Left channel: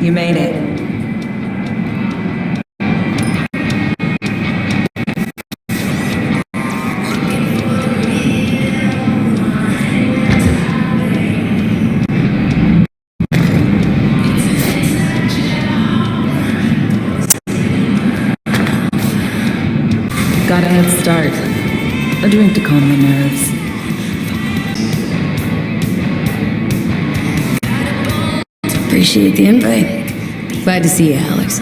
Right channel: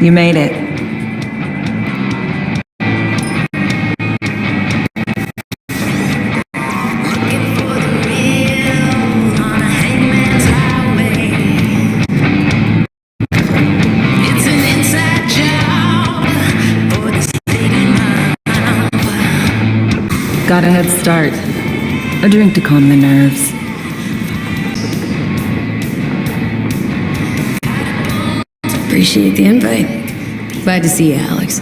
You made it. Got a head start. A drink to calm the nerves. Appreciate the invite. Glad to see you, Alex.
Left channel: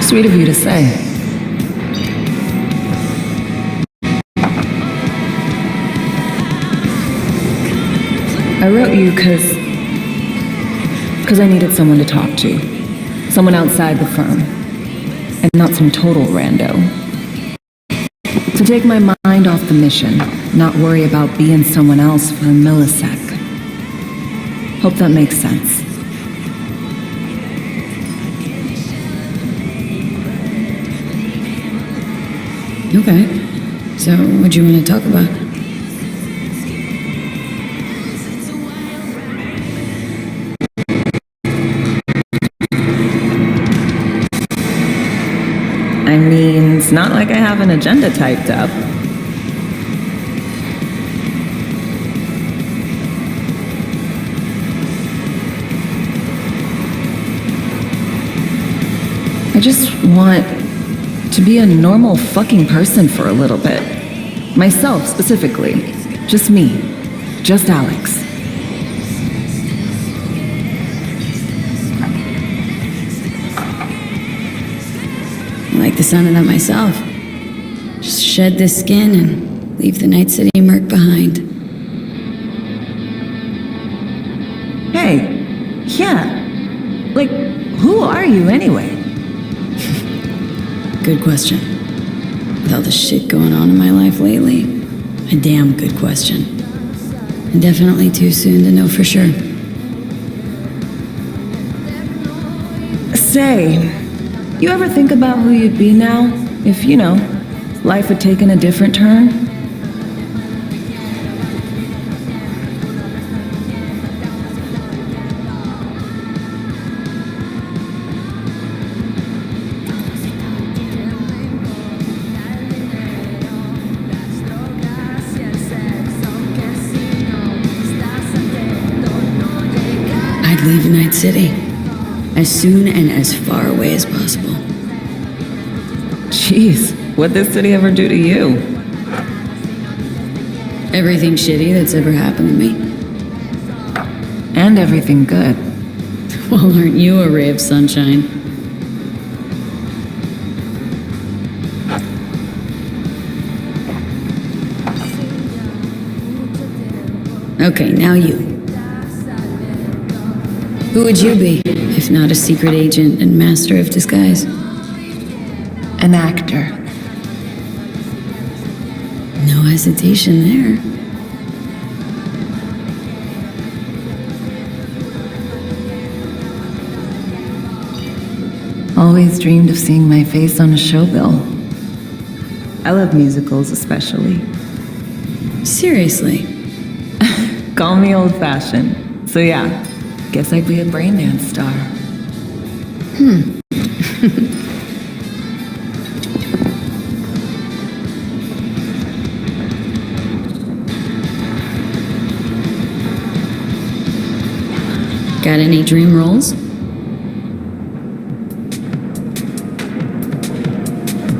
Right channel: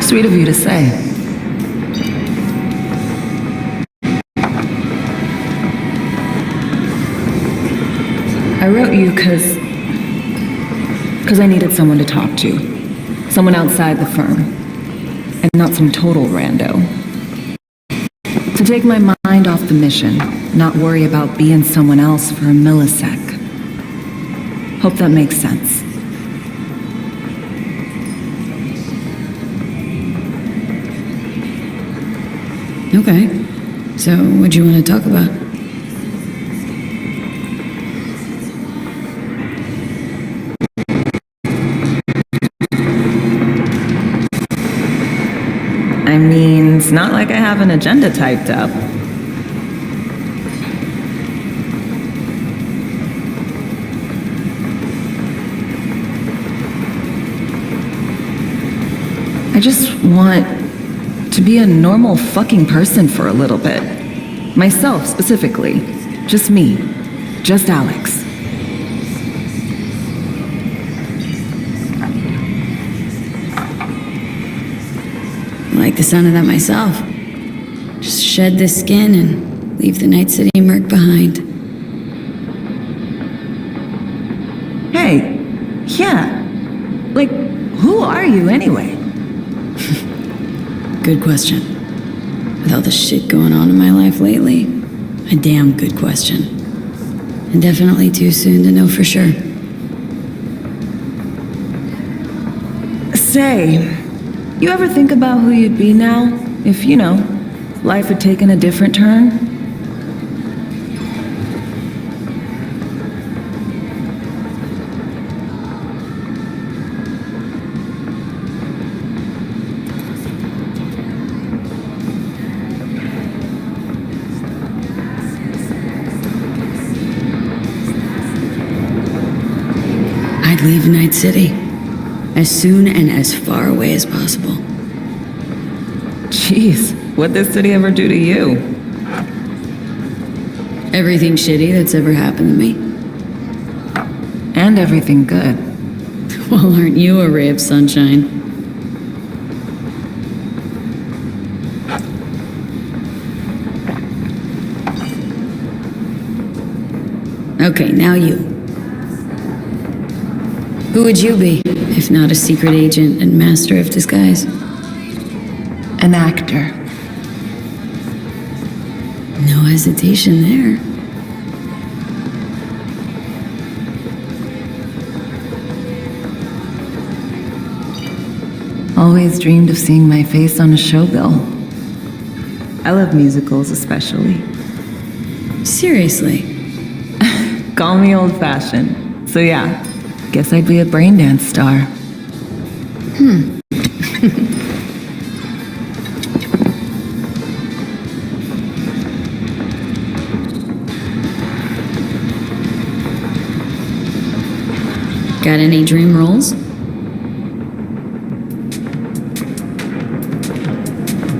Sweet of you to say. I wrote you because I needed someone to talk to. Someone outside the firm. And not some total rando. To take my mind off the mission, not worry about being someone else for a millisec. Hope that makes sense. Okay. So, what do you want to talk about? I mean, it's not like I have an agenda typed up. I just want to be a normal fucking person for a little bit. Myself, specifically. Just me. Just Alex. I like the sound of that myself. Just shed this skin and leave the Night City murk behind. Hey, yeah. Like, who are you anyway? Good question. With all the shit going on in my life lately, a damn good question. And definitely too soon to know for sure. Say, you ever think about who you'd be now if, life had taken a different turn? I'd leave Night City as soon and as far away as possible. Jeez, what'd this city ever do to you? Everything shitty that's ever happened to me. And everything good. Well, aren't you a ray of sunshine? Okay, now you. Who would you be, if not a secret agent and master of disguise? An actor. No hesitation there. Always dreamed of seeing my face on a show bill. I love musicals especially. Seriously? Call me old-fashioned. So yeah, guess I'd be a brain dance star. Got any dream roles?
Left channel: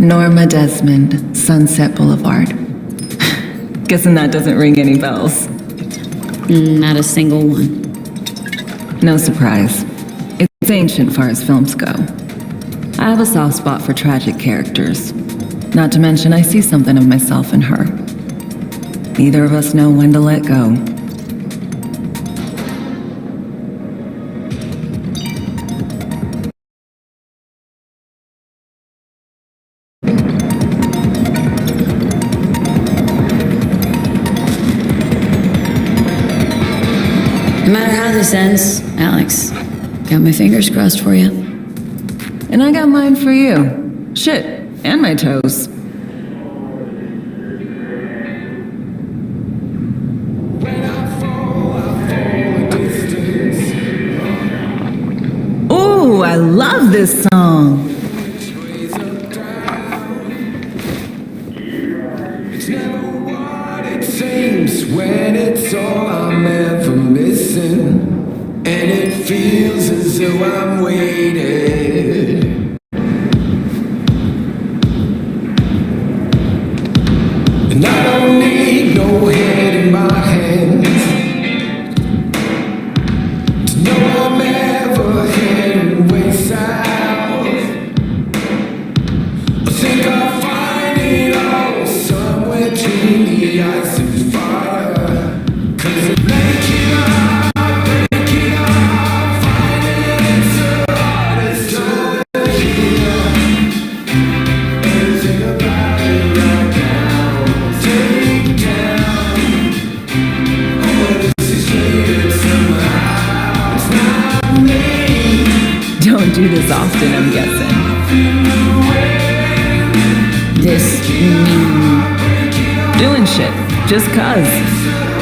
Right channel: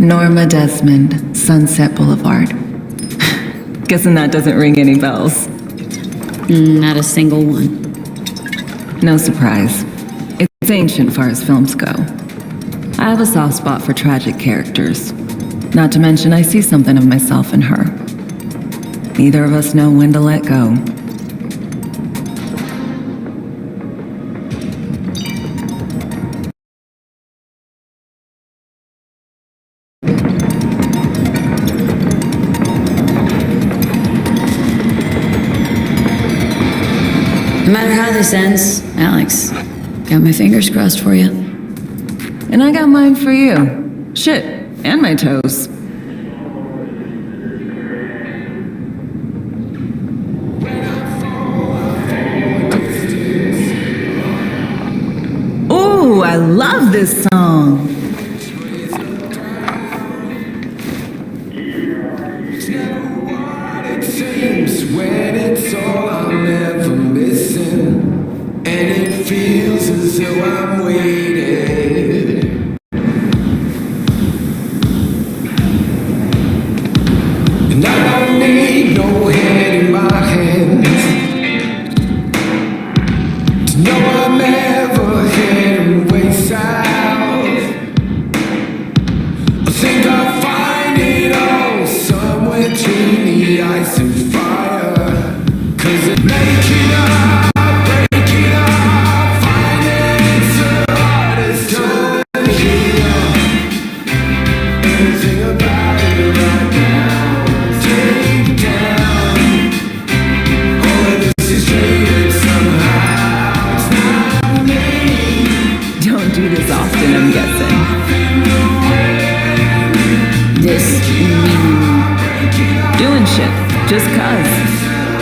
Norma Desmond, Sunset Boulevard. Guessing that doesn't ring any bells. Not a single one. No surprise. It's ancient far as films go. I have a soft spot for tragic characters. Not to mention I see something of myself in her. Neither of us know when to let go. No matter how this ends, Alex, got my fingers crossed for you. And I got mine for you. Shit, and my toes. When I fall a distance. Ooh, I love this song. Which way's up, down? It's never what it seems when it's all I'm ever missing. And it feels as though I'm waiting. And I don't need no head in my hands to know I'm ever heading way south. I think I'll find it all somewhere between the ice and fire. 'Cause it make it up, break it up, find it, it's the hardest to hear. Everything about it right now, take down. All of this is traded somehow, it's not me. Don't do this often, I'm guessing. This mean Doing shit, just cuz.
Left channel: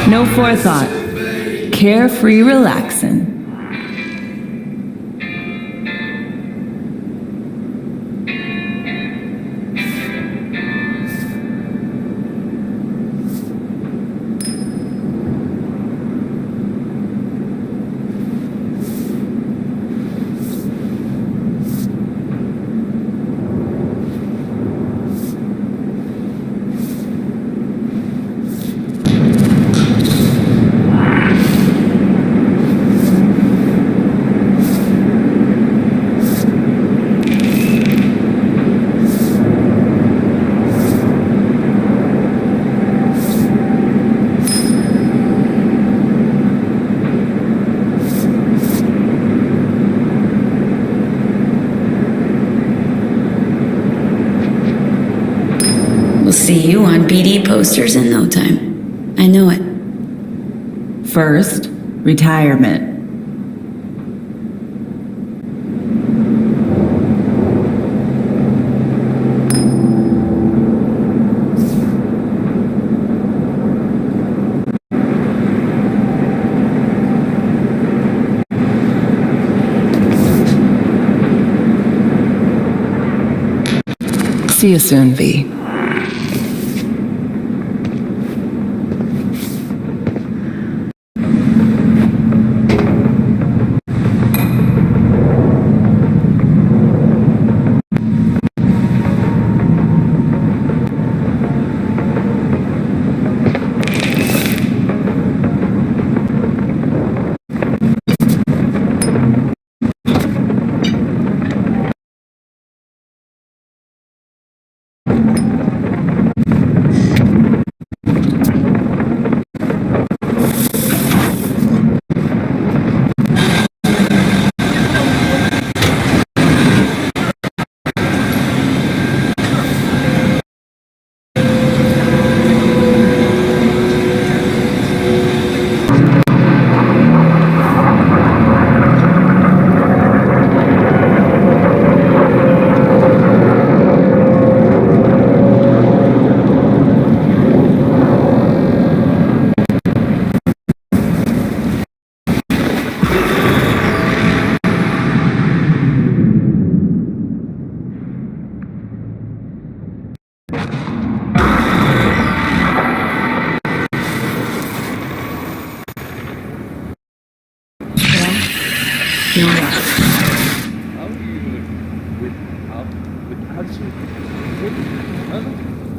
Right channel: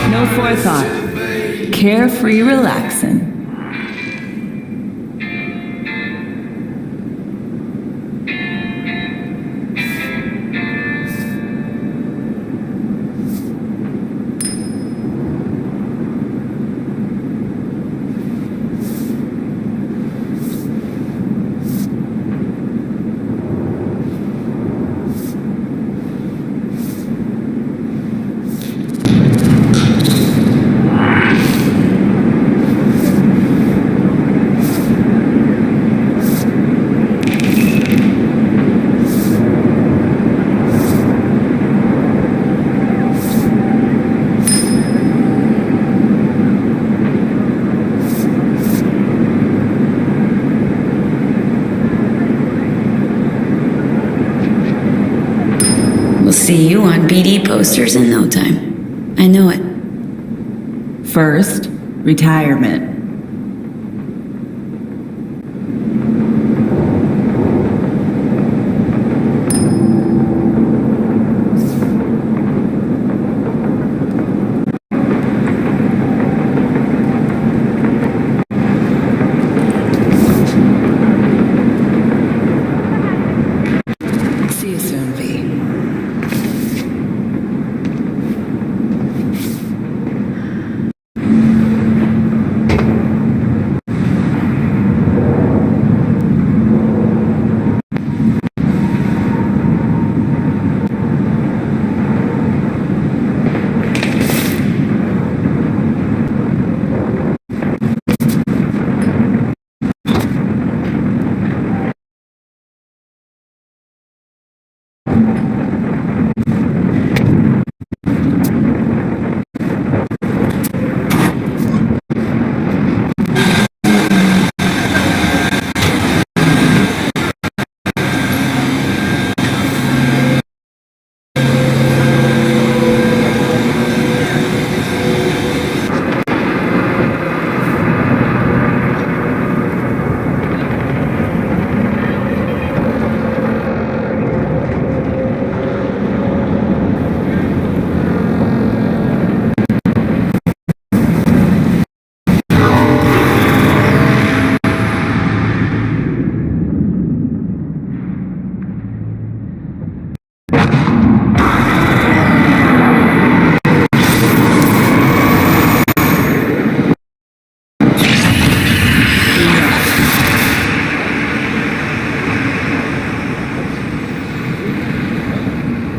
No forethought. Carefree relaxing. We'll see you on BD posters in no time. I know it. First, retirement. See you soon, V.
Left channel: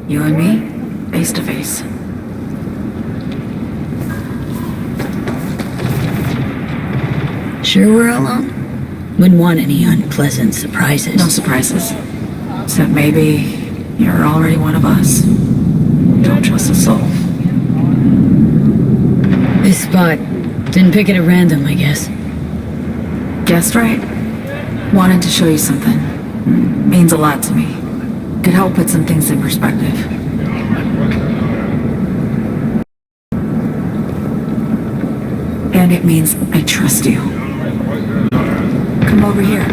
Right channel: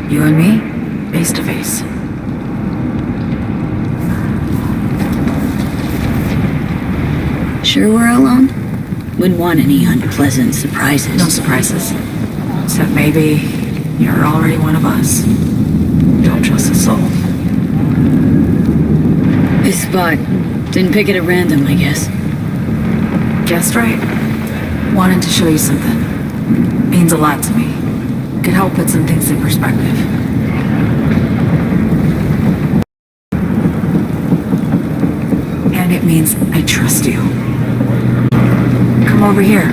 You and me, face to face. Sure we're alone? Wouldn't want any unpleasant surprises. No surprises. Except maybe you're already one of us. Don't trust a soul. This spot. Didn't pick it at random, I guess. Guessed right. Wanted to show you something. Means a lot to me. Could help put some things in perspective. And it means I trust you. Come over here.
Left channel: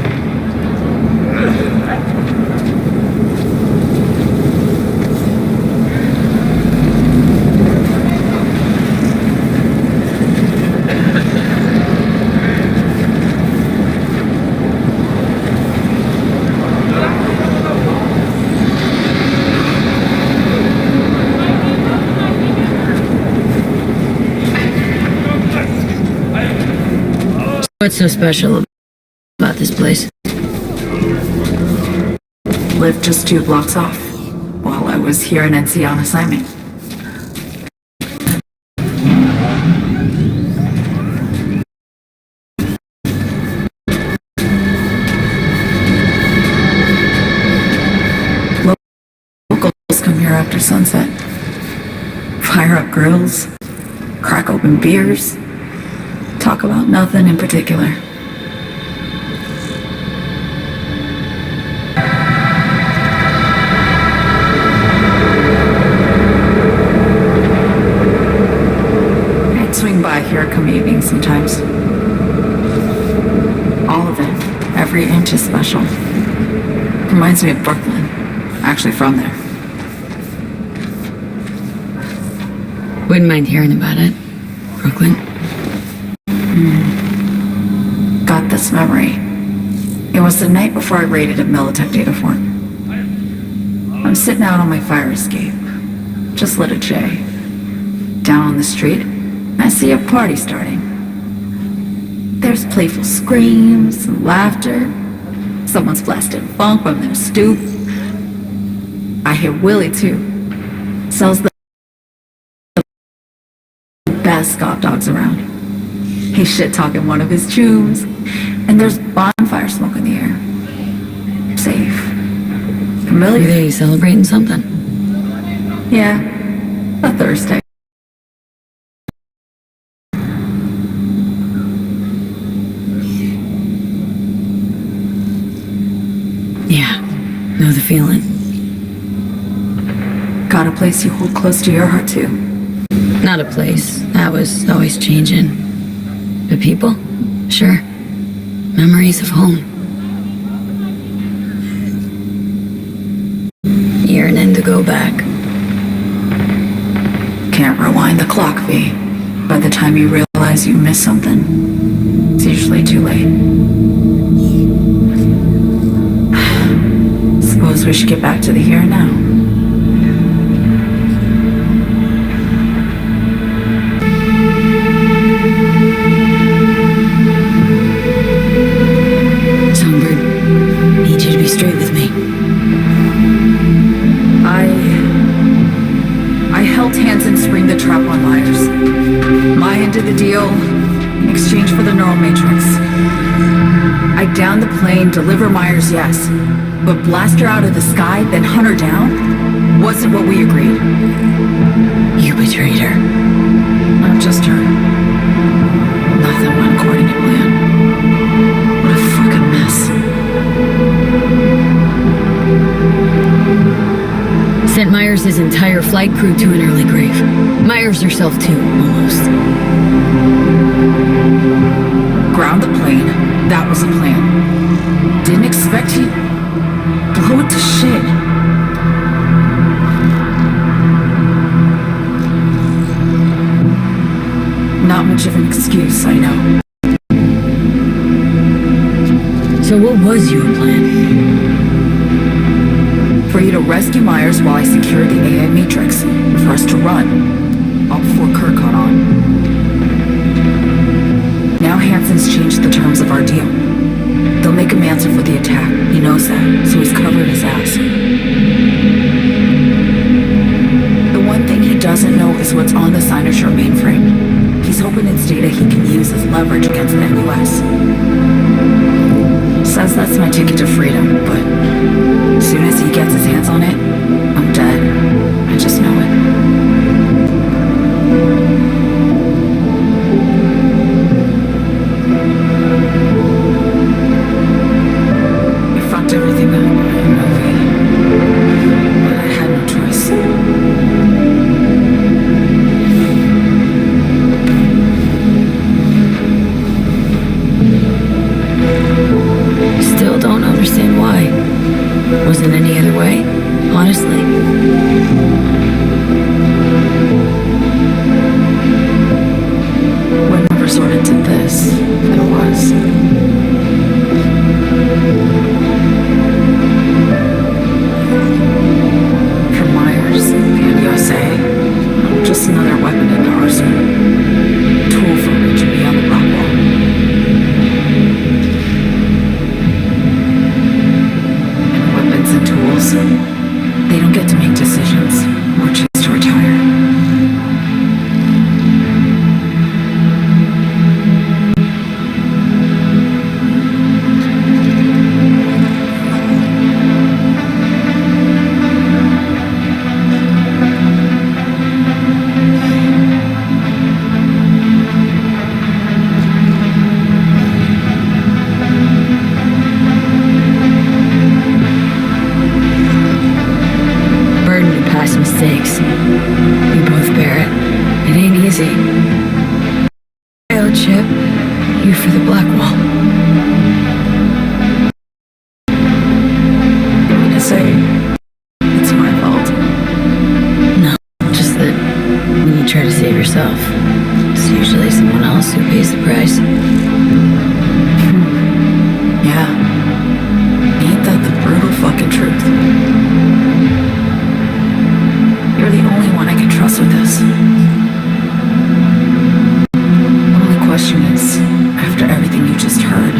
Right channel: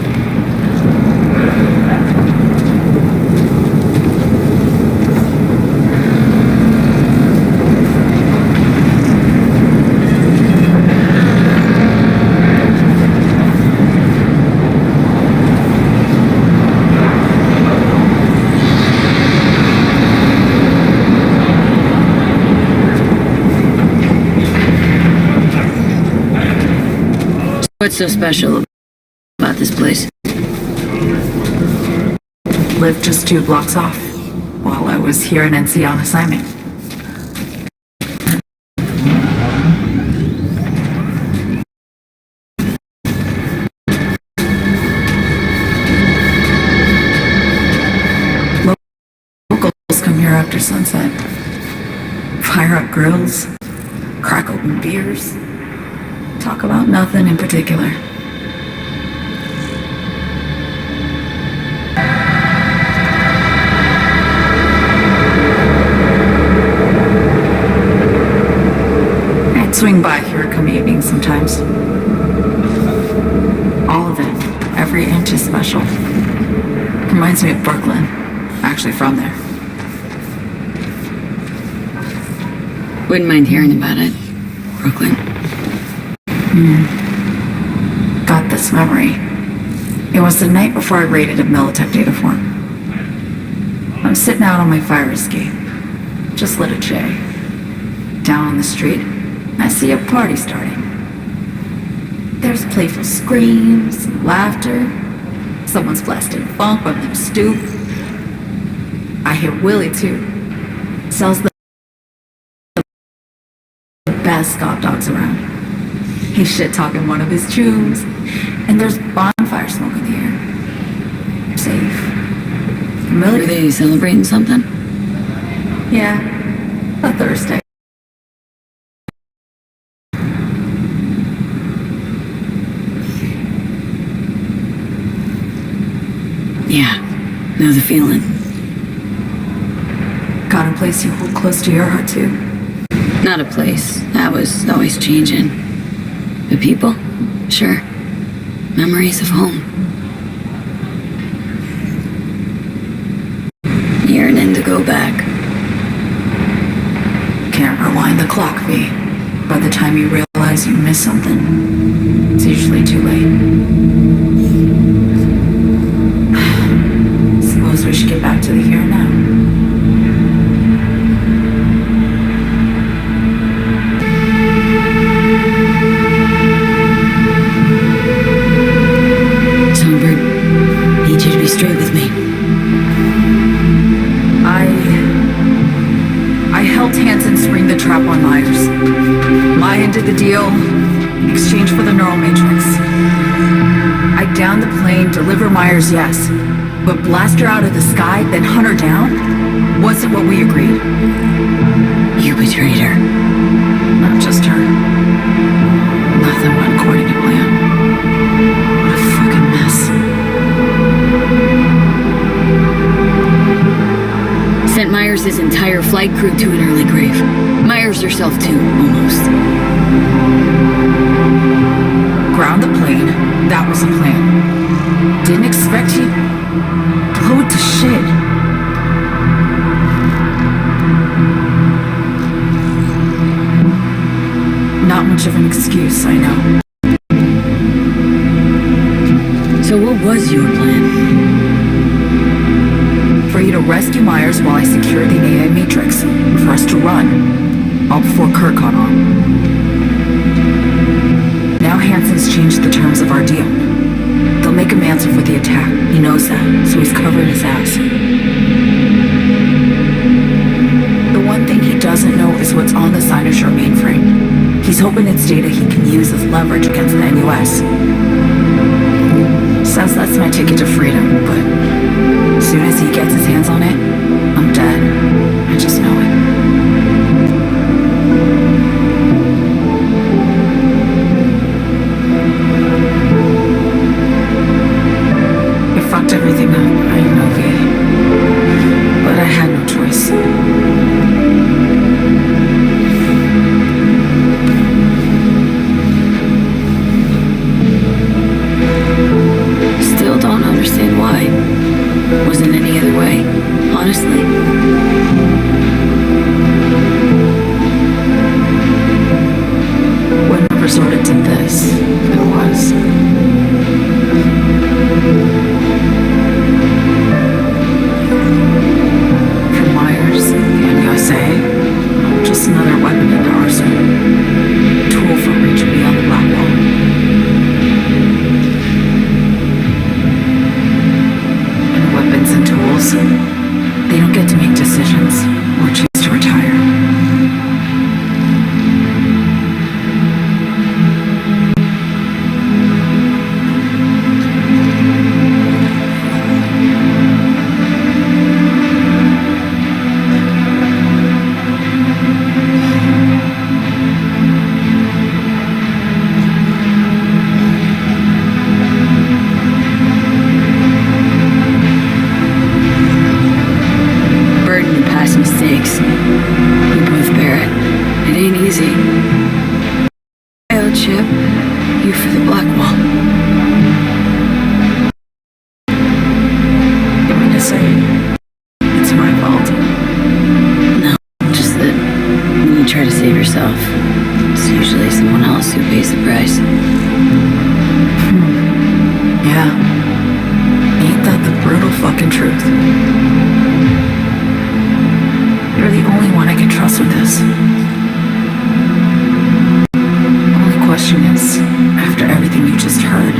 What's so special about this place? Lived just 2 blocks off while I was here in NC on assignment. Locals come here after sunset. Fire up grills, crack open beers, talk about nothing in particular. I'd swing by here come evening sometimes. All of it, every inch is special. Reminds me of Brooklyn. Actually from there. Wouldn't mind hearing about it. Brooklyn. Got this memory. It was the night before I raided a Militech data fort. I'm sitting out on my fire escape. Just lit a J. Down on the street, I see a party starting. There's playful screams and laughter. Someone's blasting funk from their stoop. I hear Willie too. Sells the best scout dogs around. He's shit-talking one of his chooms, and there's bonfire smoke in the air. Safe. Familiar. Are they celebrating something? Yeah, a Thursday. Yeah, know the feeling. Got a place you hold close to your heart too. Not a place. That was always changing. But people? Sure. Memories of home. Yearning to go back. Can't rewind the clock, V. By the time you realize you missed something, it's usually too late. Suppose we should get back to the here and now. Songbird, need you to be straight with me. I helped Hansen spring the trap on Myers. Mayan did the deal in exchange for the neural matrix. I downed the plane, deliver Myers, yes. But blast her out of the sky, then hunt her down, wasn't what we agreed. You betrayed her. Not just her. Nothing went according to plan. What a fucking mess. Sent Myers' entire flight crew to an early grave. Myers herself too, almost. Ground the plane, that was the plan. Didn't expect he'd blow it to shit. Not much of an excuse, I know. So what was your plan? For you to rescue Myers while I secured the AI Matrix, and for us to run, all before Kurt caught on. Now Hansen's changed the terms of our deal. They'll make him answer for the attack. He knows that, so he's covering his ass. The one thing he doesn't know is what's on the Cynosure mainframe. He's hoping it's data he can use as leverage against the NUS. Says that's my ticket to freedom, but as soon as he gets his hands on it, I'm dead. I just know it. It fucked everything up, I know, V. But I had no choice. Still don't understand why. Wasn't any other way, honestly. Wouldn't have resorted to this if there was. For Myers and USA, I'm just another weapon in their arsenal. Tool for reaching beyond the black wall. And weapons and tools, they don't get to make decisions or choose to retire. Burden of past mistakes. We both bear it. It ain't easy. Chip, you for the black wall. You mean to say it's my fault? No, just that when you try to save yourself, it's usually someone else who pays the price. Yeah. Ain't that the brutal fucking truth? You're the only one I can trust with this. Only question is, after everything you just heard,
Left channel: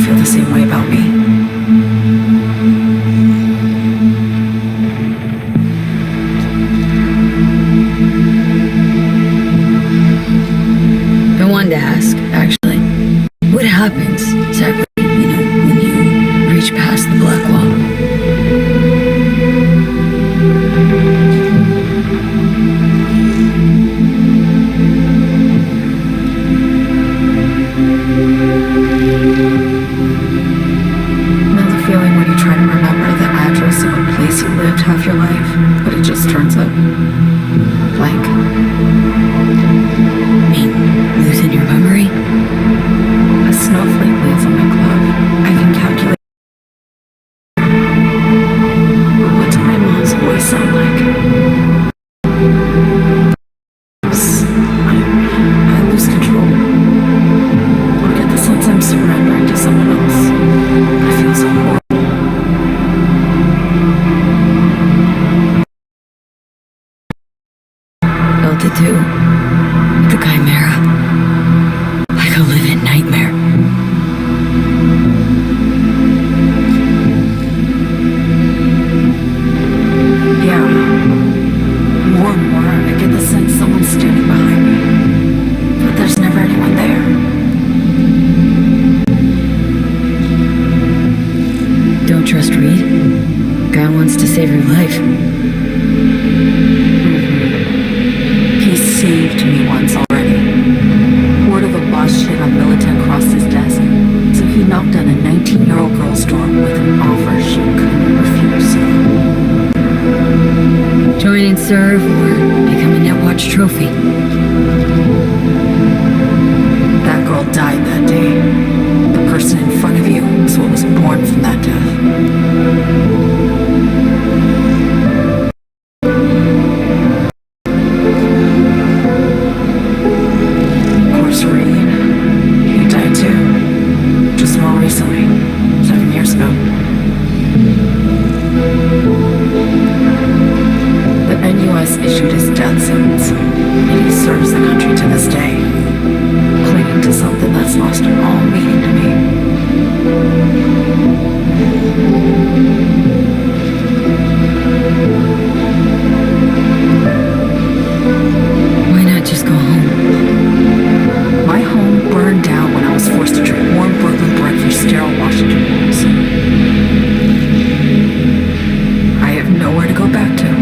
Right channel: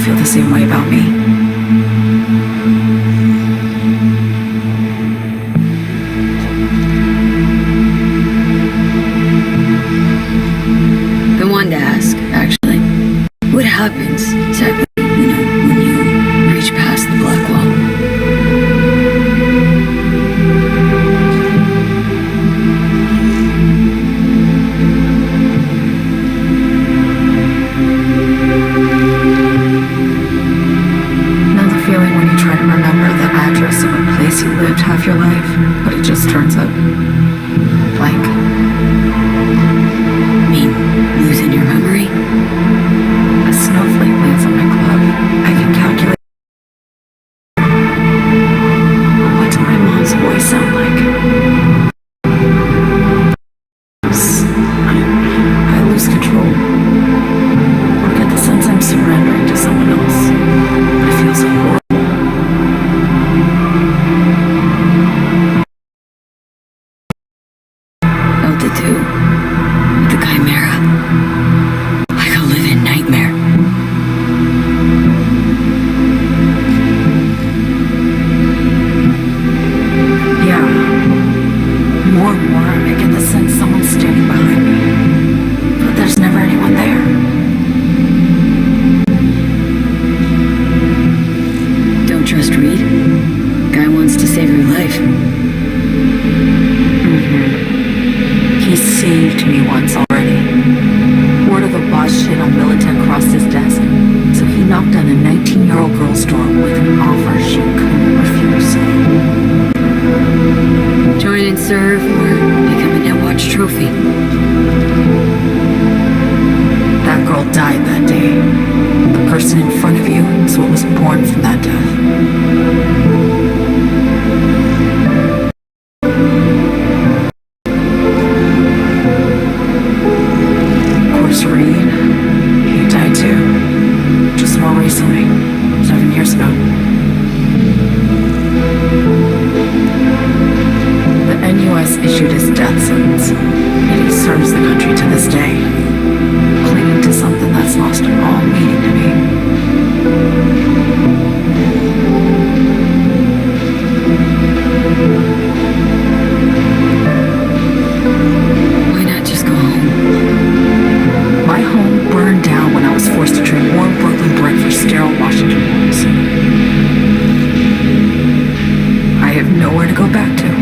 feel the same way about me? Been wanting to ask, actually. What happens exactly, when you reach past the black wall? Know the feeling when you try to remember the address of a place you lived half your life, but it just turns up blank? Mean losing your memory? A snowflake lands on my glove. I can calculate. But what did my mom's voice sound like? I lose control. Or get the sense I'm surrendering to someone else. But it feels horrible. Felt it too. With the chimera. Like a living nightmare. Yeah. More and more, I get the sense someone's standing behind me. But there's never anyone there. Don't trust Reed? Guy wants to save your life. He saved me once already. Word of a boss shit on Militech crossed his desk, so he knocked on a 19-year-old girl's door with an offer she couldn't refuse. Join and serve or become a Netwatch trophy. That girl died that day. The person in front of you is what was born from that death. Of course, Reed, he died too. Just more recently, 7 years ago. The NUS issued his death sentence, and he serves the country to this day, clinging to something that's lost all meaning to me. Why not just go home? My home burned down when I was forced to trade warm Brooklyn brick for sterile Washington walls. I have nowhere to go back to.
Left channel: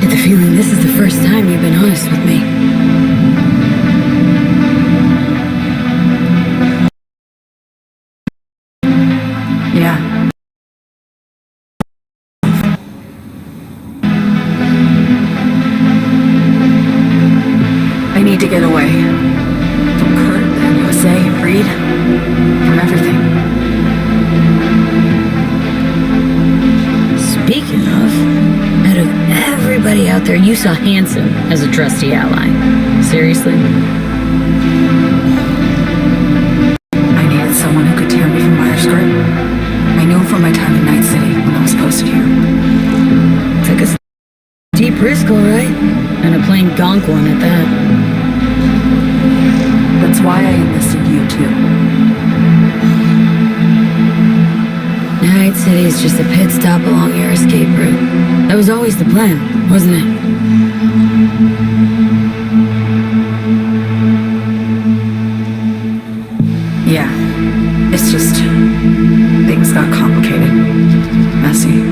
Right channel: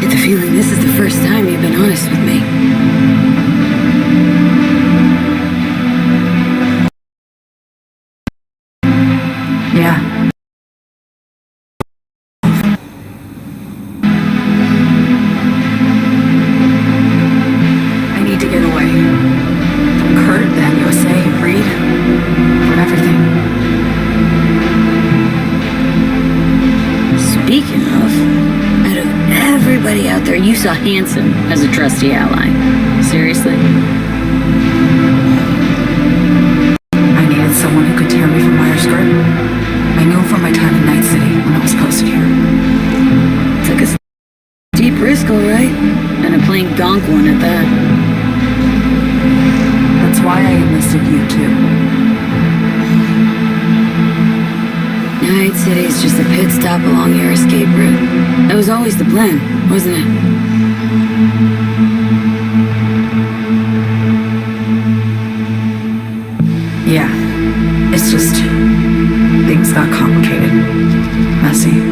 Get the feeling this is the first time you've been honest with me. Yeah. need to get away. From Kurt, then USA, Reed. From everything. Speaking of, out of everybody out there, you saw Hansen as a trusty ally. Seriously? I needed someone who could tear me from Myers' grip. I knew him from my time in Night City when I was posted here. Took a deep risk, all right. And a plain gonk one at that. That's why I enlisted you, too. Night City is just a pit stop along your escape route. That was always the plan, wasn't it? Yeah. It's just... things got complicated. Messy.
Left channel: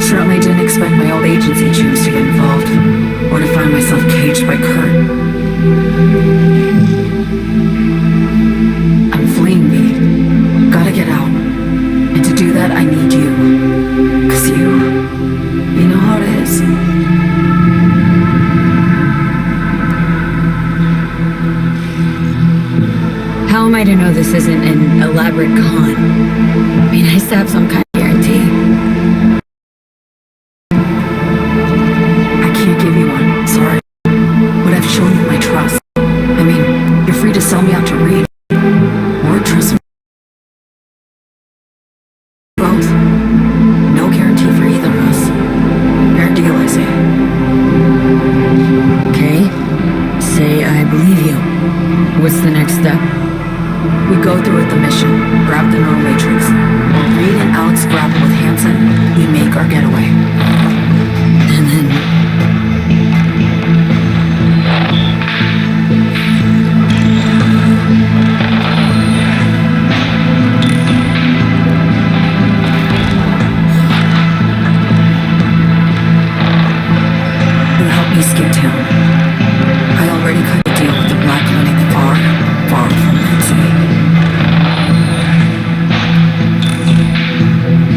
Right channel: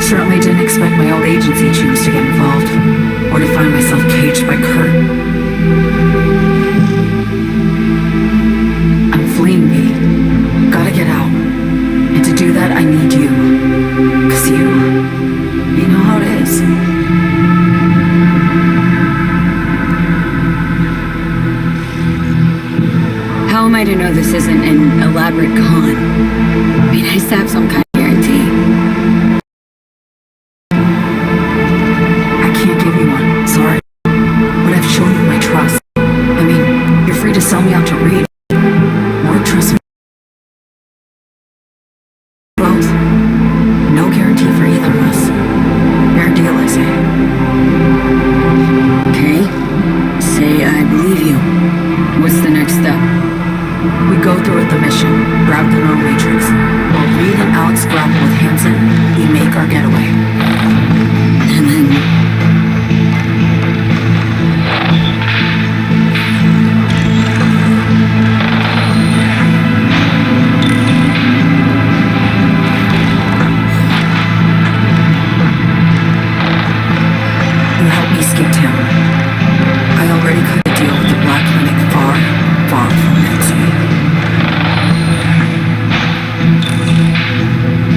Certainly didn't expect my old agency chooms to get involved. Or to find myself caged by Kurt. I'm fleeing, V. Gotta get out. And to do that, I need you. 'Cause you know how it is. How am I to know this isn't an elaborate con? I mean, I have some kind of guarantee. I can't give you one, sorry. But I've shown you my trust. I mean, you're free to sell me out to Reed. Or trust me. Both. No guarantee for either of us. Fair deal, I say. Okay. Say I believe you. What's the next step? We go through with the mission, grab the neural matrix. While Reed and Alex grapple with Hansen, we make our getaway. And then... You helped me skip town. I already cut a deal with the Black Clinic far, far from Night City.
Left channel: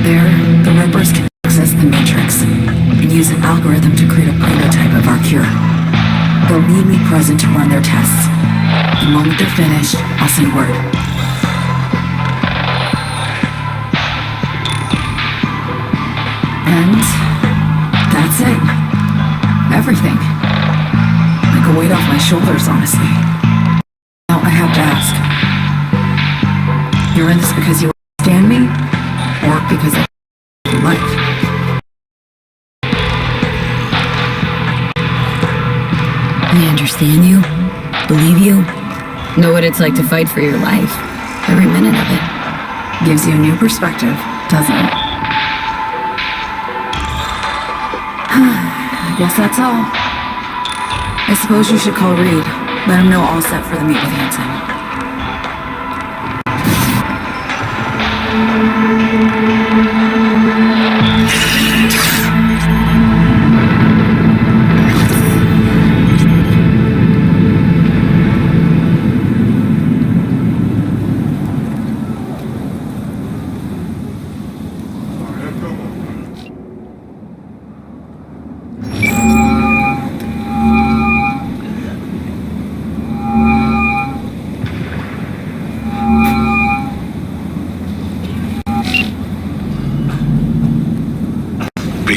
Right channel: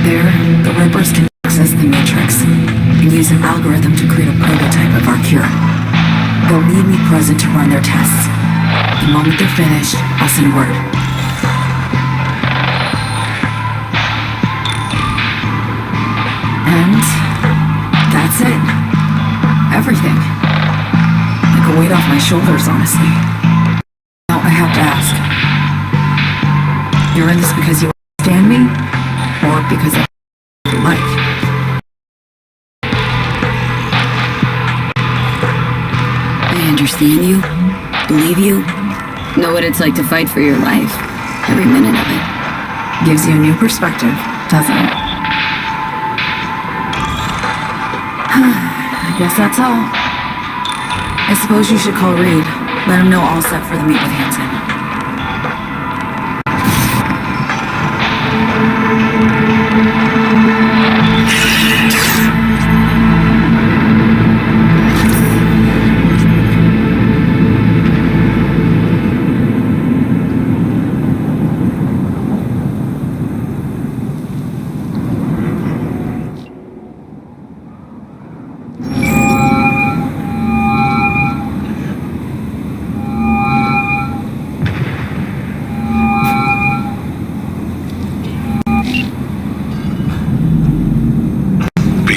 There, the Rippers can access the Matrix and use an algorithm to create a prototype of our cure. They'll need me present to run their tests. The moment they're finished, I'll send word. And that's it. Everything. Like a weight off my shoulders, honestly. Now I have to ask. You're in this because you understand me? Or because I your life? I understand you, believe you, know what it's like to fight for your life. Every minute of it. Gives you a new perspective, doesn't it? I guess that's all. I suppose you should call Reed. Let him know all set for the meet with Hansen.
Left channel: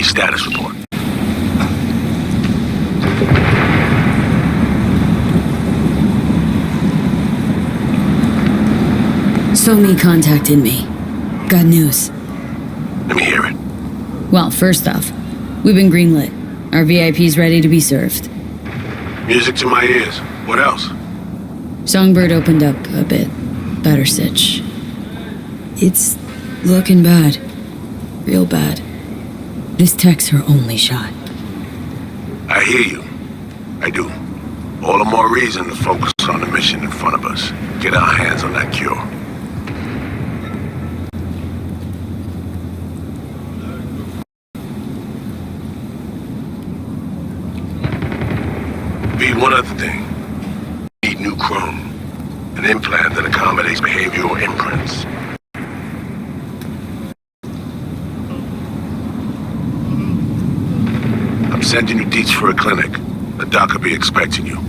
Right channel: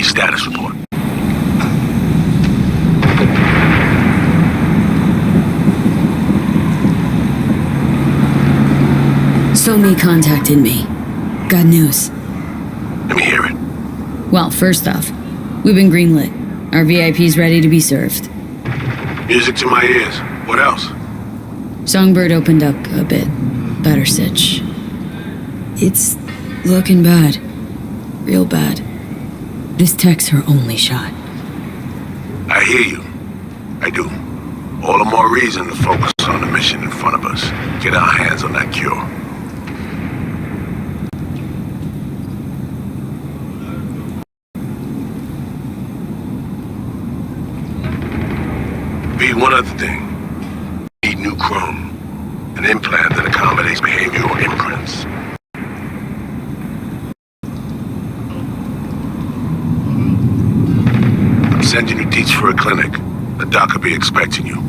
Status report. SoMe contacted me. Got news. Let me hear it. Well, first off, we've been greenlit. Our VIP's ready to be served. Music to my ears. What else? Songbird opened up a bit. Better sitch. It's looking bad. Real bad. This tech's her only shot. I hear you. I do. All the more reason to focus on the mission in front of us. Get our hands on that cure. Be one other thing. Need new chrome. An implant that accommodates behavioral imprints. I'm sending you deets for a clinic. The doc will be expecting you.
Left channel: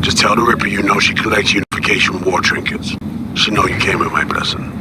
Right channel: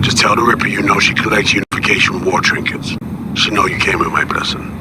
Just tell the Ripper you know she collects unification war trinkets. She know you came with my blessing.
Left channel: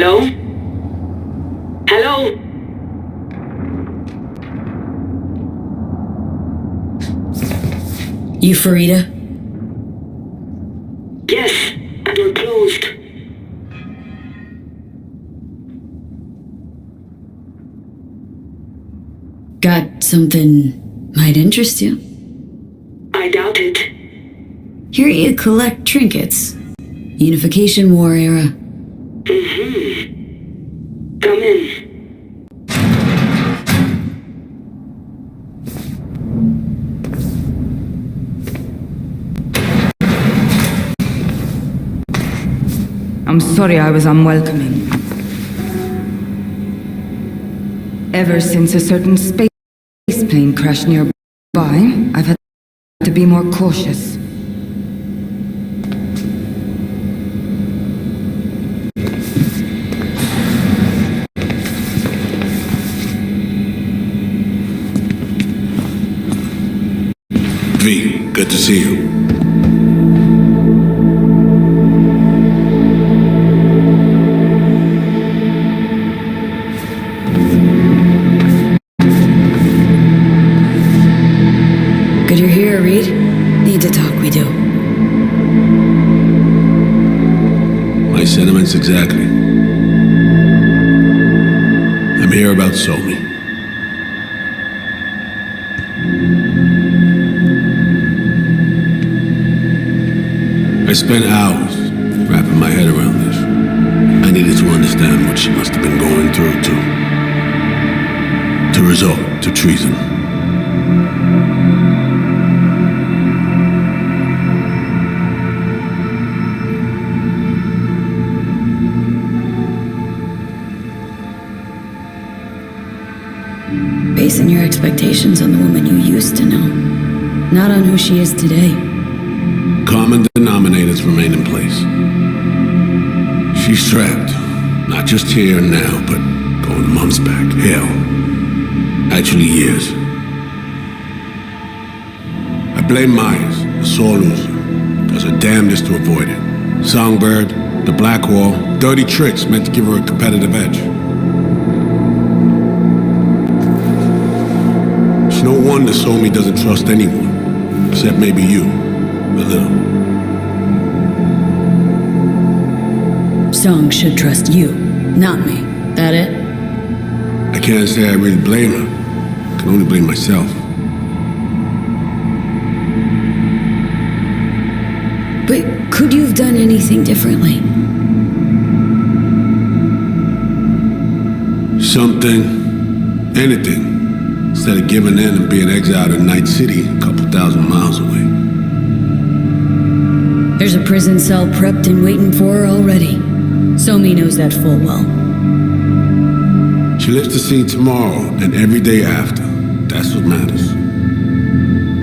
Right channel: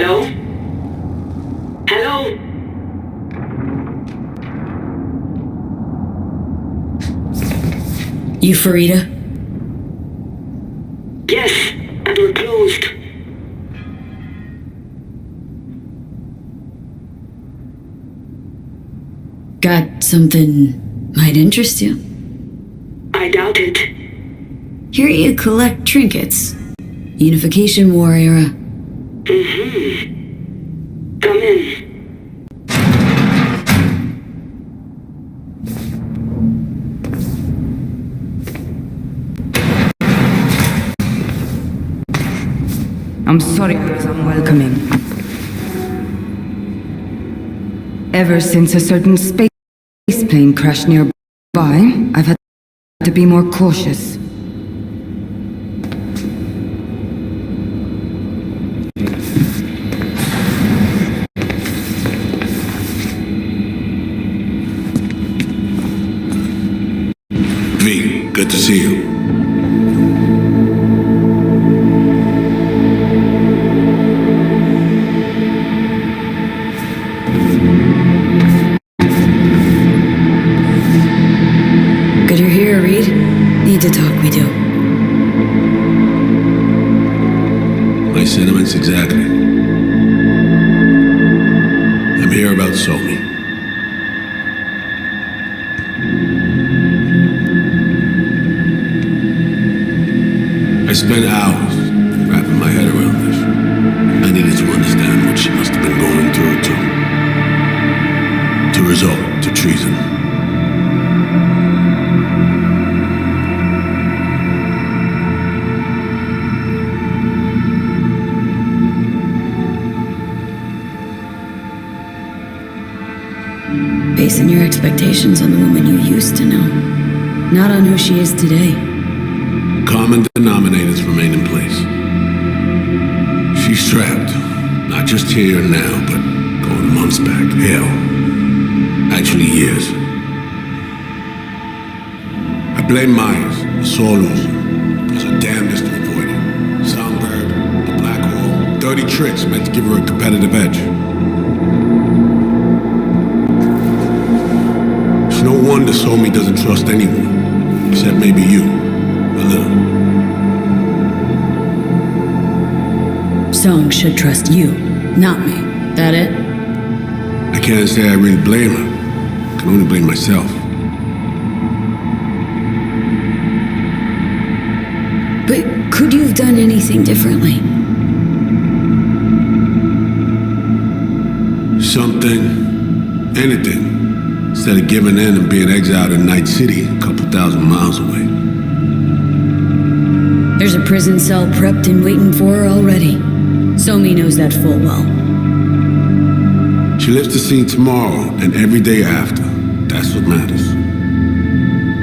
Hello? Hello? You Farida? Yes, and we're closed. Got something might interest you. I doubt it. Hear you collect trinkets. Unification War era. Come in. I'm sorry I was unwelcoming. Ever since a certain space plane crashed nearby, I've had to be more cautious. V, good to see you. Good you're here, Reed. Need to talk, we do. My sentiments exactly. I'm here about Somi. I spent hours wrapping my head around this. I needed to understand what she must have been going through to resort to treason. Basing your expectations on the woman you used to know, not on who she is today. Common denominators remain in place. She's trapped, not just here and now, but going months back. Hell, actually years. I blame Myers, a sore loser, does her damnedest to avoid it. Songbird, the Blackwall, dirty tricks meant to give her a competitive edge. It's no wonder Somi doesn't trust anyone, except maybe you, a little. Song should trust you, not me. That it? I can't say I really blame her. I can only blame myself. But could you have done anything differently? Something, anything. instead of giving in and being exiled in Night City, a couple thousand miles away. There's a prison cell prepped and waiting for her already. Somi knows that full well. She lives to see tomorrow and every day after. That's what matters.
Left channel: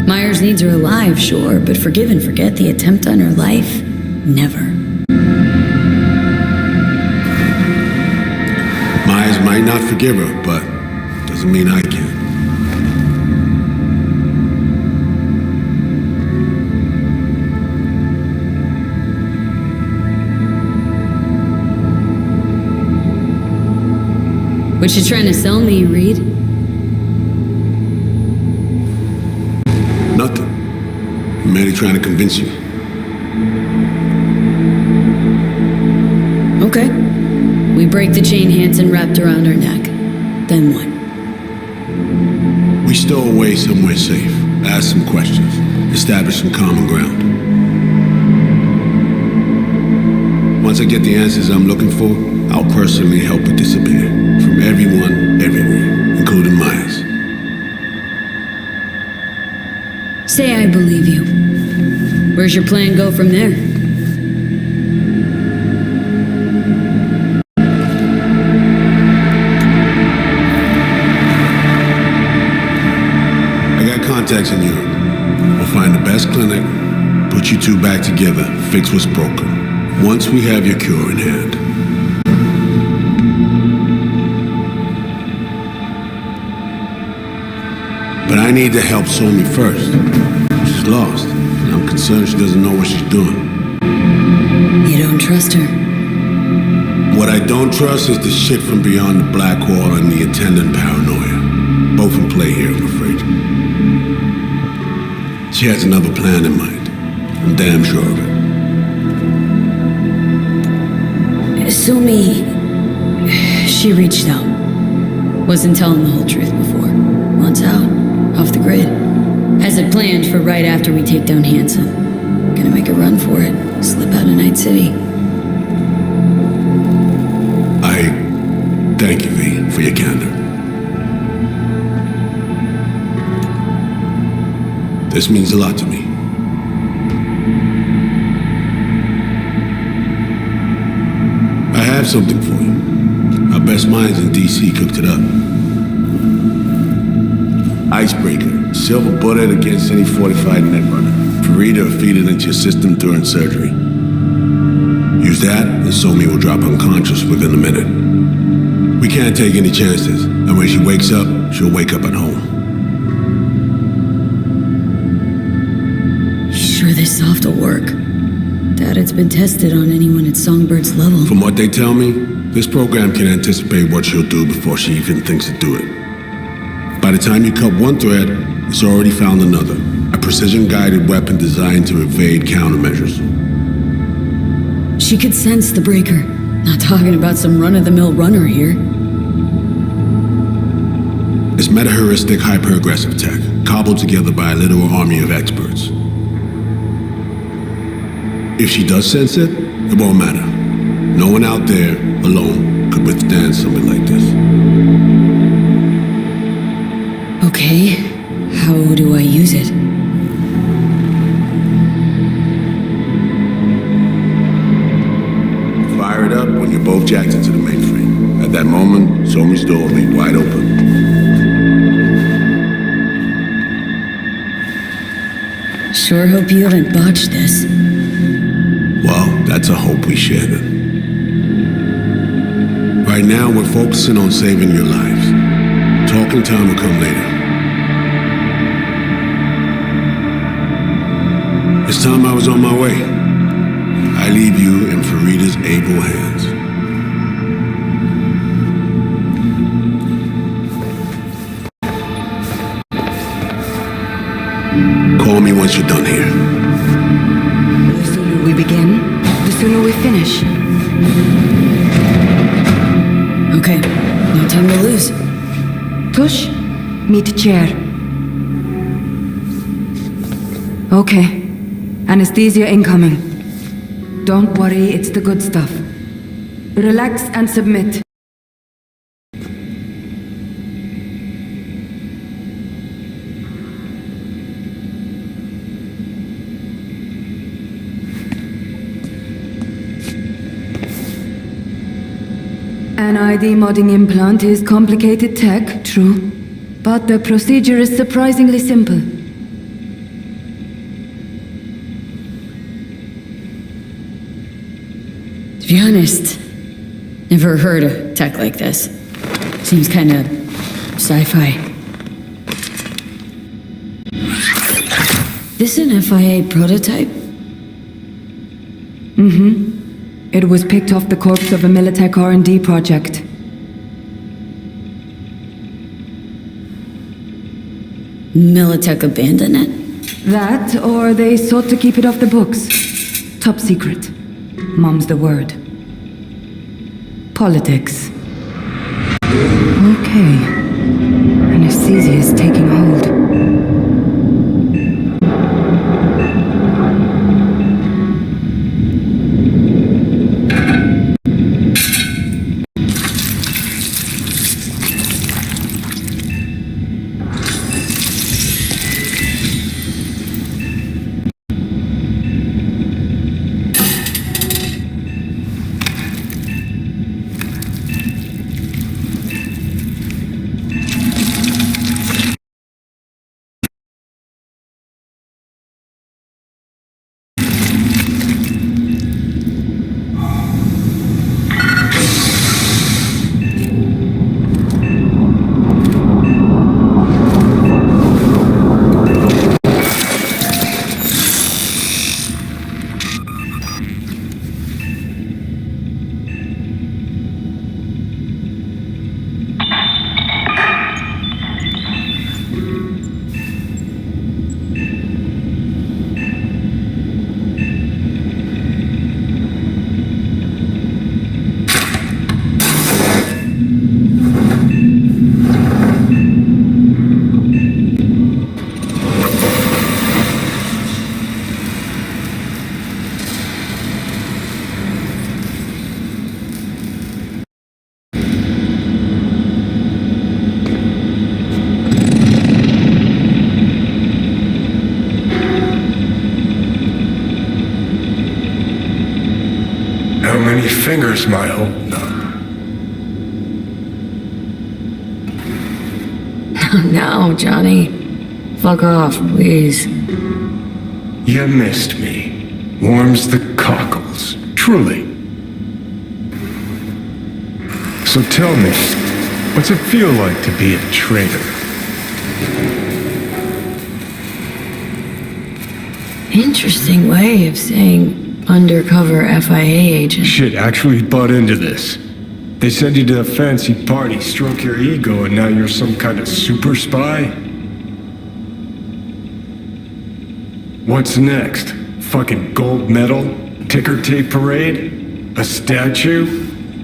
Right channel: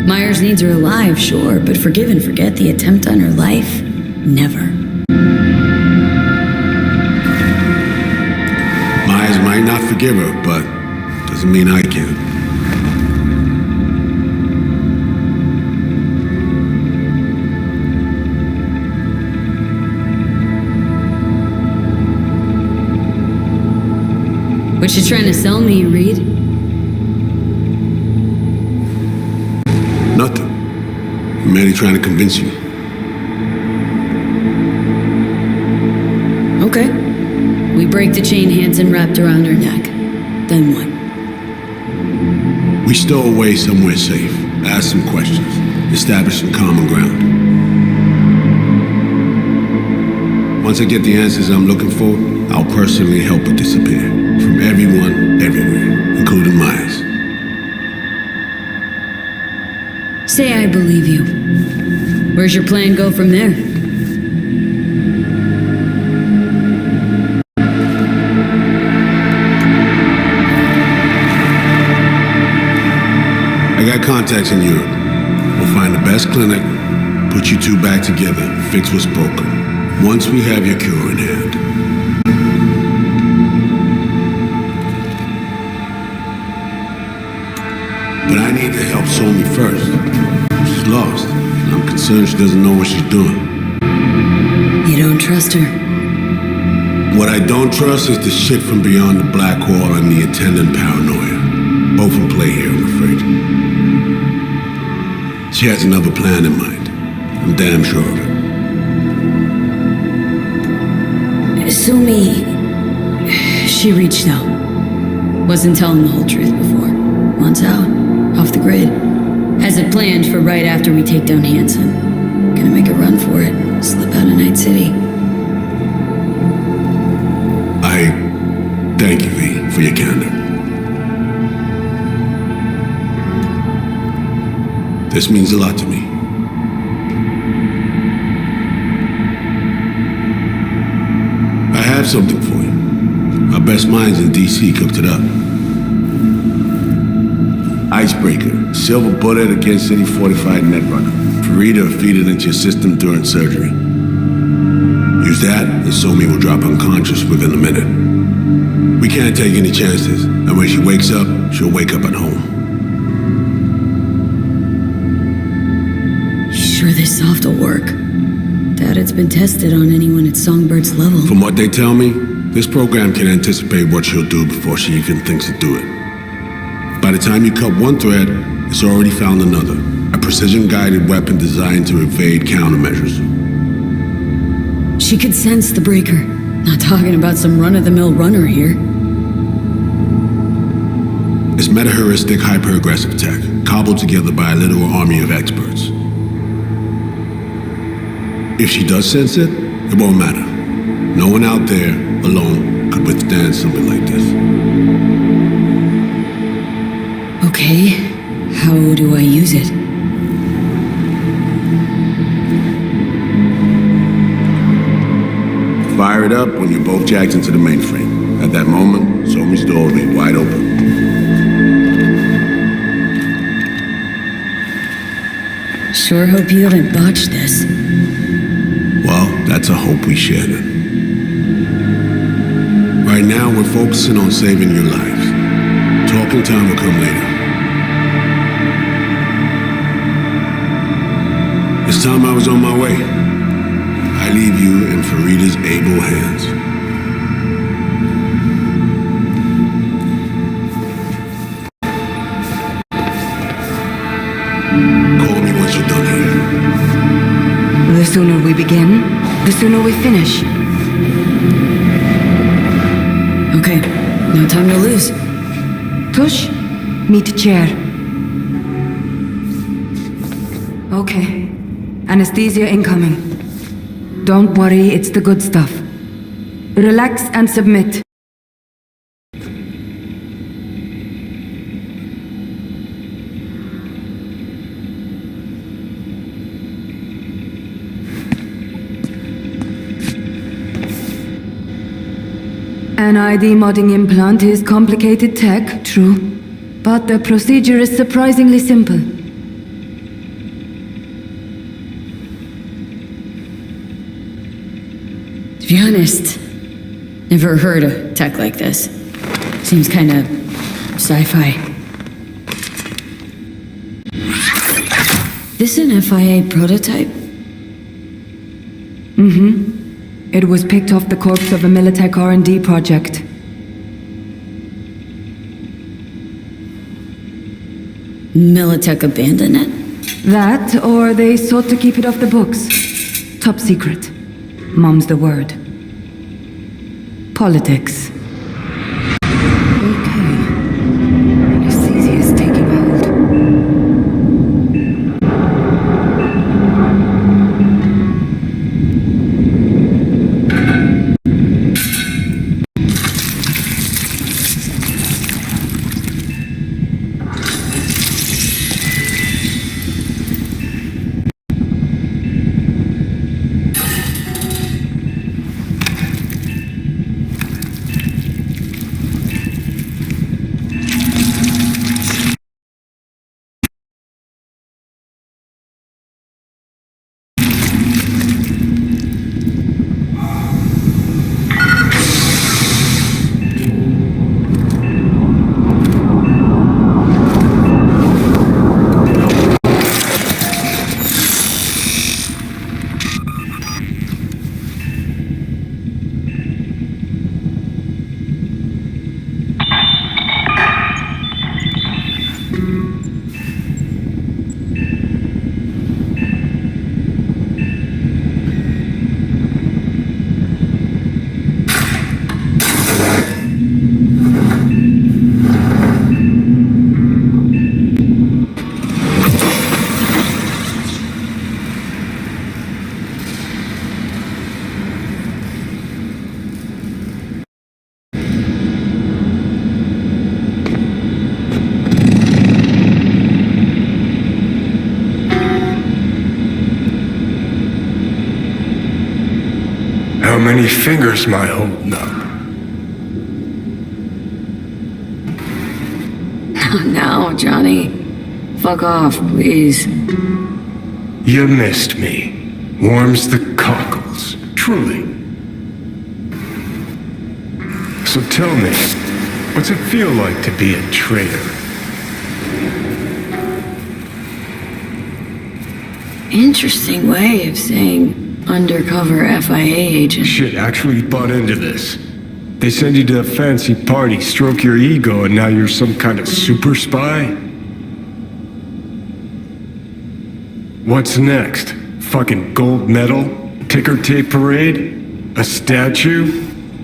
Myers needs her alive, sure, but forgive and forget the attempt on her life? Never. Myers might not forgive her, but doesn't mean I can. What you trying to sell me, Reed? Nothing. I'm merely trying to convince you. Okay. We break the chain Hansen wrapped around her neck. Then what? We stow away somewhere safe, ask some questions, establish some common ground. Once I get the answers I'm looking for, I'll personally help her disappear. From everyone, everywhere, including Myers. Say I believe you. Where's your plan go from there? I got contacts in Europe. We'll find the best clinic, put you two back together, fix what's broken. Once we have your cure in hand. But I need to help Somi first. She's lost, and I'm concerned she doesn't know what she's doing. You don't trust her? What I don't trust is the shit from beyond the black wall and the attendant paranoia. Both in play here, I'm afraid. She has another plan in mind. I'm damn sure of it. Somi... She reached out. Wasn't telling the whole truth before. Wants out. Off the grid. Has it planned for right after we take down Hansen. Gonna make a run for it. Slip out of Night City. I thank you, V, for your candor. This means a lot to me. I have something for you. Our best minds in DC cooked it up. Icebreaker, silver bullet against any fortified netrunner. Farida feed it into your system during surgery. Use that, and Somi will drop unconscious within a minute. We can't take any chances, and when she wakes up, she'll wake up at home. You sure this soft will work? Doubt it's been tested on anyone at Songbird's level. From what they tell me, this program can anticipate what she'll do before she even thinks to do it. By the time you cut one thread, it's already found another. A precision-guided weapon designed to evade countermeasures. She could sense the breaker. Not talking about some run-of-the-mill runner here. It's meta-heuristic hyper-aggressive tech, cobbled together by a literal army of experts. If she does sense it, it won't matter. No one out there, alone, could withstand something like this. Okay, how do I use it? Fire it up when you're both jacked into the mainframe. At that moment, Somi's door will be wide open. Sure hope you haven't botched this. Well, that's a hope we share then. Right now, we're focusing on saving your lives. Talking time will come later. This time I was on my way. I leave you in Farida's able hands. Call me once you're done here. The sooner we begin, the sooner we finish. Okay, no time to lose. Tush, meet chair. Okay. Anesthesia incoming. Don't worry, it's the good stuff. Relax and submit. An ID modding implant is complicated tech, true. But the procedure is surprisingly simple. To be honest, never heard of tech like this. Seems kinda sci-fi. This an FIA prototype? It was picked off the corpse of a Militech R&D project. Militech abandoned it? That, or they sought to keep it off the books. Top secret. Mom's the word. Politics. Okay. Anesthesia is taking hold. How many fingers am I holding up? No, Johnny. Fuck off, please. You missed me. Warms the cockles. Truly. So tell me, what's it feel like to be a traitor? Interesting way of saying undercover FIA agent. Shit, actually bought into this. They send you to a fancy party, stroke your ego, and now you're some kind of super spy? What's next? Fucking gold medal? Ticker tape parade? A statue?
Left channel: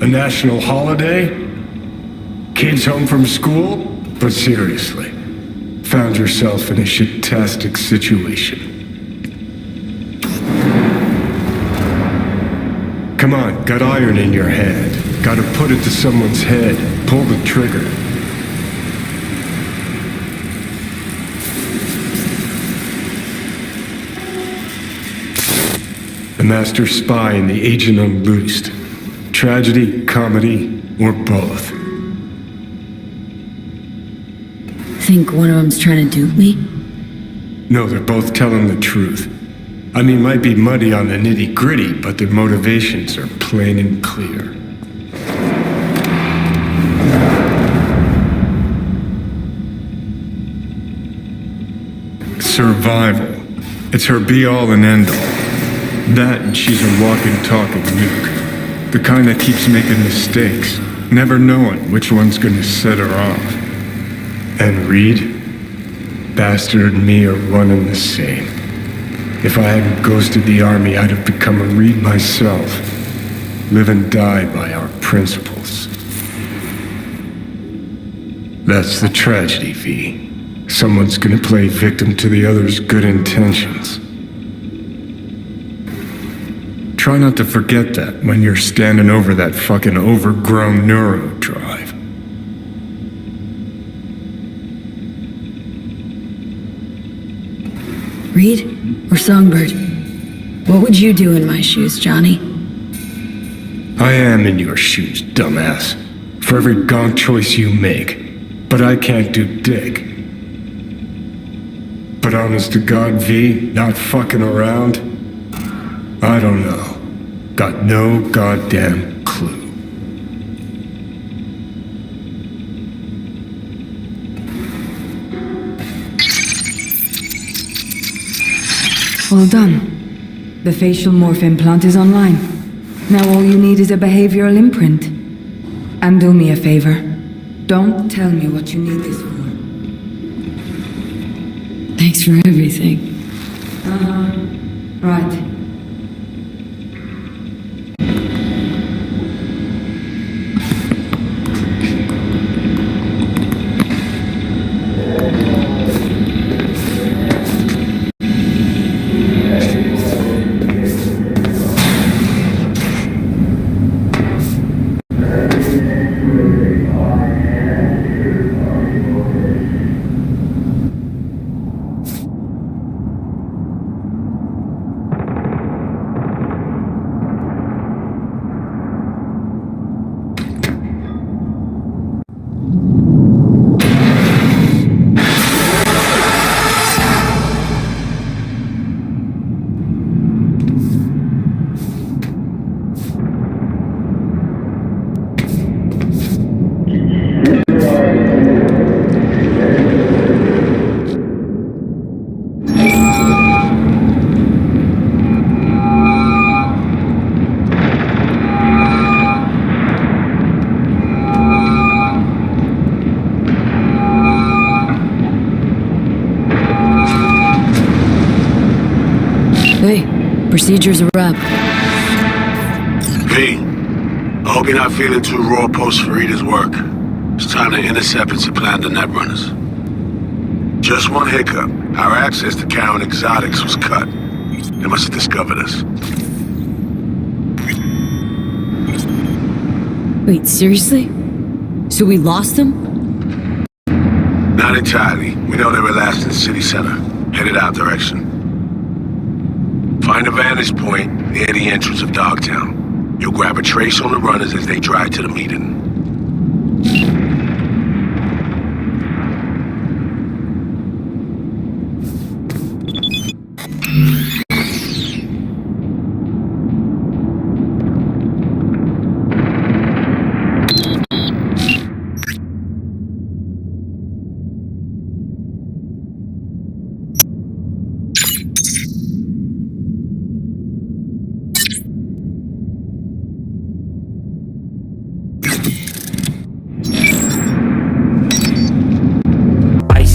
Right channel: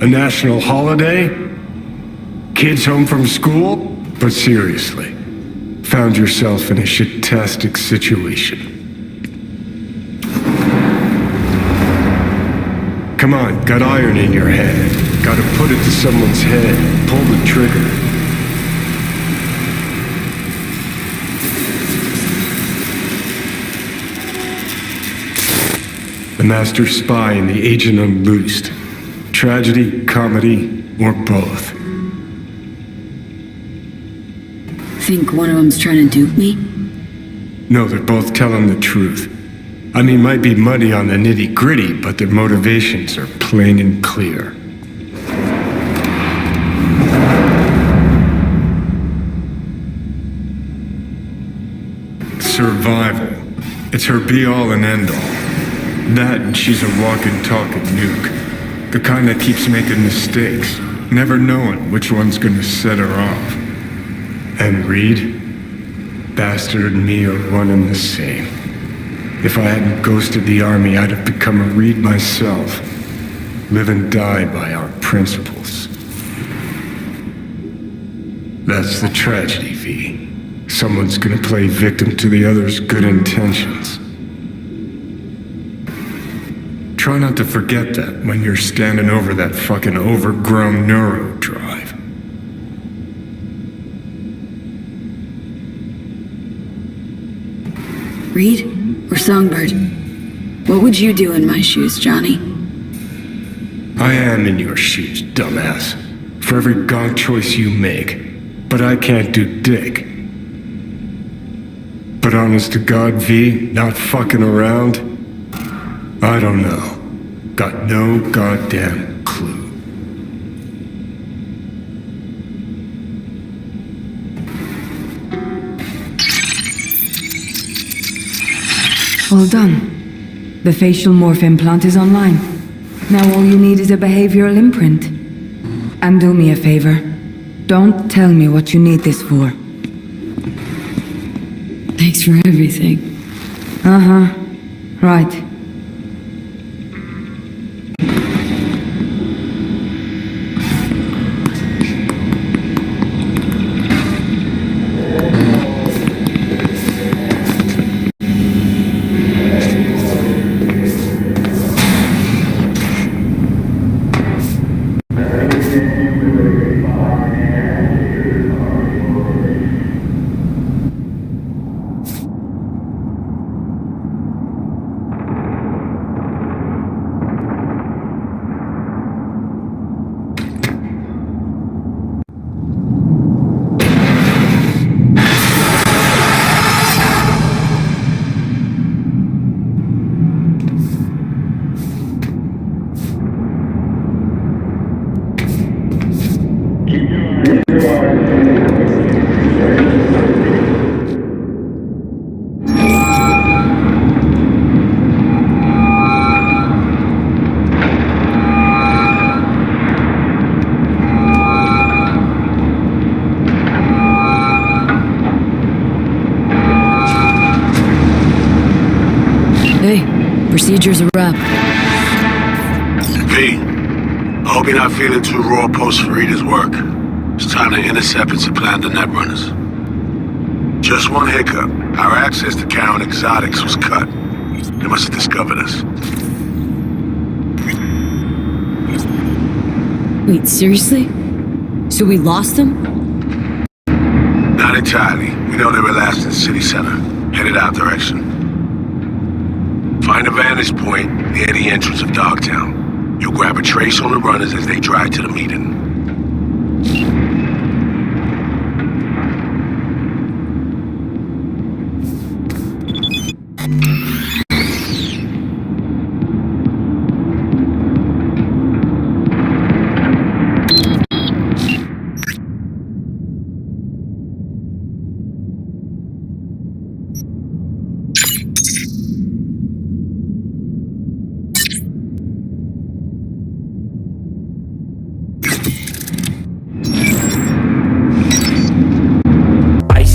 A national holiday? Kids home from school? But seriously, found yourself in a shit-tastic situation. Come on, got iron in your hand. Gotta put it to someone's head. Pull the trigger. The master spy and the agent unloosed. Tragedy, comedy, or both. Think one of them's trying to dupe me? No, they're both telling the truth. I mean, might be muddy on the nitty-gritty, but their motivations are plain and clear. Survival. It's her be-all and end-all. That and she's a walking, talking nuke. The kind that keeps making mistakes, never knowing which one's gonna set her off. And Reed? Bastard and me are one and the same. If I hadn't ghosted the army, I'd have become a Reed myself. Live and die by our principles. That's the tragedy, V. Someone's gonna play victim to the other's good intentions. Try not to forget that when you're standing over that fucking overgrown neuro drive. Reed or Songbird? What would you do in my shoes, Johnny? I am in your shoes, dumbass. for every gonk choice you make. But I can't do dick. But honest to God, V, not fucking around? I don't know. Got no goddamn clue. All done. The facial morph implant is online. Now all you need is a behavioral imprint. And do me a favor. Don't tell me what you need this for. Thanks for everything. Uh-huh. Right. Hey, procedure's a wrap. P, I hope you're not feeling too raw post Farida's work. It's time to intercept and supplant the netrunners. Just one hiccup. Our access to Karen Exotics was cut. They must have discovered us. Wait, seriously? So we lost them? Not entirely. We know they were last in the city center, headed our direction. Find a vantage point near the entrance of Dogtown. You'll grab a trace on the runners as they drive to the meeting.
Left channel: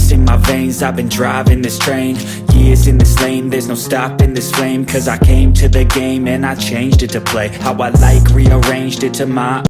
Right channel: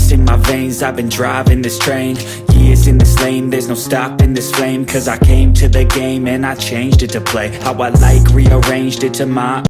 In my veins, I've been driving this train. Years in this lane, there's no stopping this flame. Cause I came to the game and I changed it to play how I like, rearranged it to my